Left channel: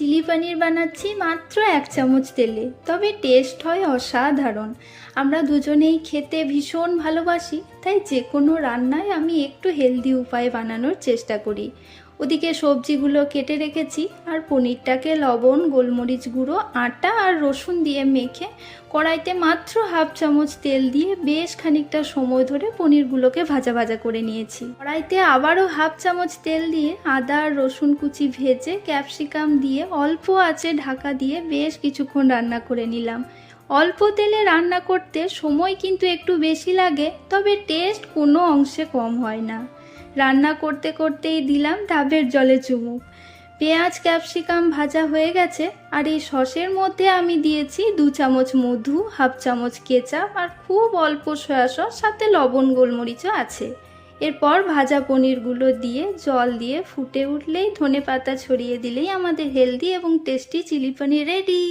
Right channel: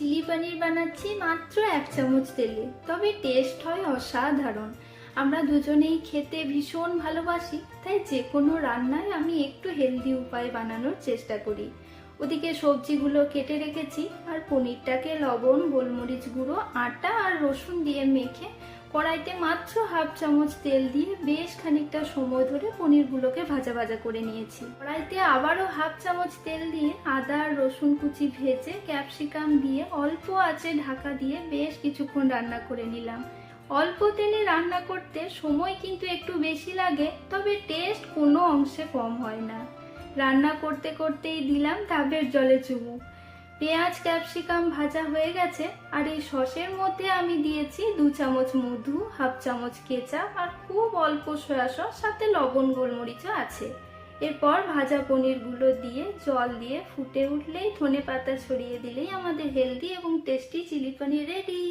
Chilli পনির বানাচ্ছি মাত্র 1 চামচ তেলে, তবে টেস্ট হয় অসাধারণ। আমরা দুজনেই খেতে ভীষণ ভালোবাসি, তাই যে কোনো রান্নায় আমি একটু হেলদি উপায়ে বানানোর চেষ্টা করি। ওদিকে সবজিগুলো কেটে রেখেছি, আর পনিরটাকে লবণ, গোলমরিচ গুঁড়ো, আটা আর রসুন দিয়ে মেখে কড়াইতে মাত্র 1/2 চামচ তেল দিয়ে বেশ খানিকটা সময় ধরে পনিরগুলোকে ভাজা ভাজা করে নিয়েছি। কড়াইতে আবারও 1/2 চামচ তেল দিয়ে আদা আর রসুন কুচি ভেজে ক্যাপসিকাম দিয়ে অল্প আঁচে ঢাকা দিয়ে বেশ কিছুক্ষণ রান্না করে নিলাম। অল্প তেলে রান্না করতে সময় কিন্তু একটু বেশি লাগে, তবে টেস্ট কোনো অংশে কম হয় না। রান্না করতে করতেই দিলাম ডাবের জলে চুমুক। পেঁয়াজ ক্যাপসিকাম ভাজা হয়ে গেছে, আর এই সসের মধ্যে আমি দিয়েছি 2 চামচ মধু, 1/2 চামচ কেচাপ আর খুব অল্প সয়া সস, সাথে লবণ গোলমরিচও আছে। এরপর ভাজা পনিরগুলো দিয়ে জল দিয়ে ফুটে উঠলেই ধনেপাতা ছড়িয়ে দিলেই আমাদের হেলদি এবং টেস্টি চিলি পনির রেডি।